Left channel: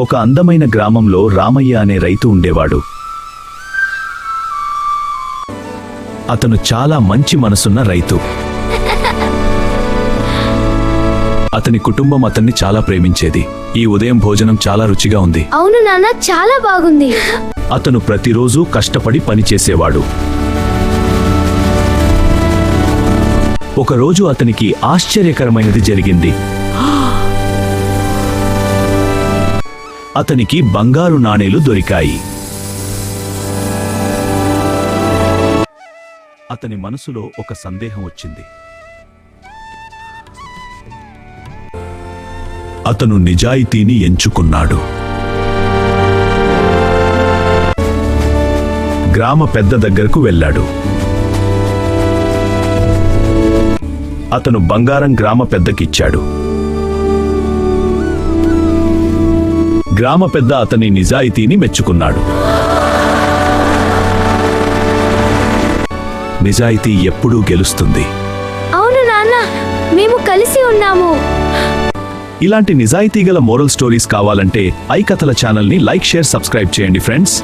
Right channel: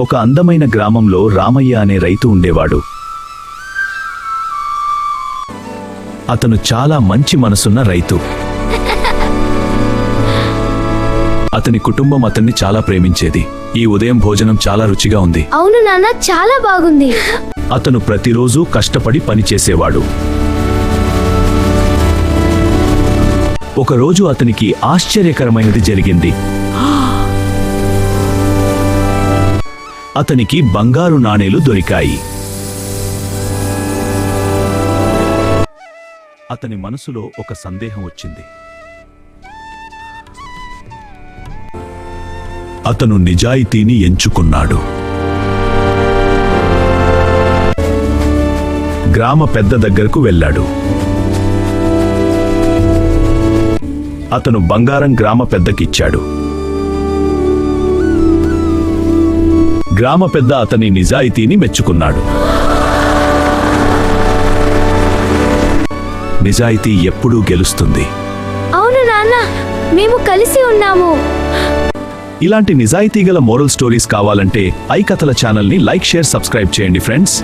ఒక అందమైన గ్రామంలో రామయ్య అనే రైతు ఉండేవాడు. అతను చాలా మంచి మనసున్న రైతు. అతని కుటుంబం అతన్ని చాలా ప్రేమించేది. ఈ ఉదయం భోజనం చాలా రుచిగా ఉంది. అవును నాన్న, చాలా బాగుంది. అతను ప్రతిరోజు కష్టపడి పనిచేసేవాడు. ఒకరోజు అతనికి ఆశ్చర్యకరమైనది జరిగింది. అతనికి బంగారు నాణేలు దొరికాయి. అతని మనసులో ఒక సందేహం వచ్చింది. అతను నిజాయితీని ఎంచుకున్నాడు. గ్రామ పెద్ద దగ్గరకు వెళ్ళాడు. అతను బంగారం గ్రామ పెద్దకిచ్చాడు. గ్రామ పెద్ద అతని నిజాయితీని మెచ్చుకున్నాడు. నిజాయితీ ఎప్పుడూ గెలుస్తుంది. అవును నాన్న, మేము కలిసి ఉన్నాము. ఇలాంటి నిజాయితీ గల మోరల్ స్టోరీస్ కావాలంటే ఐ కథల ఛానల్ని లైక్, షేర్, సబ్స్క్రైబ్ చేయండి ఫ్రెండ్స్.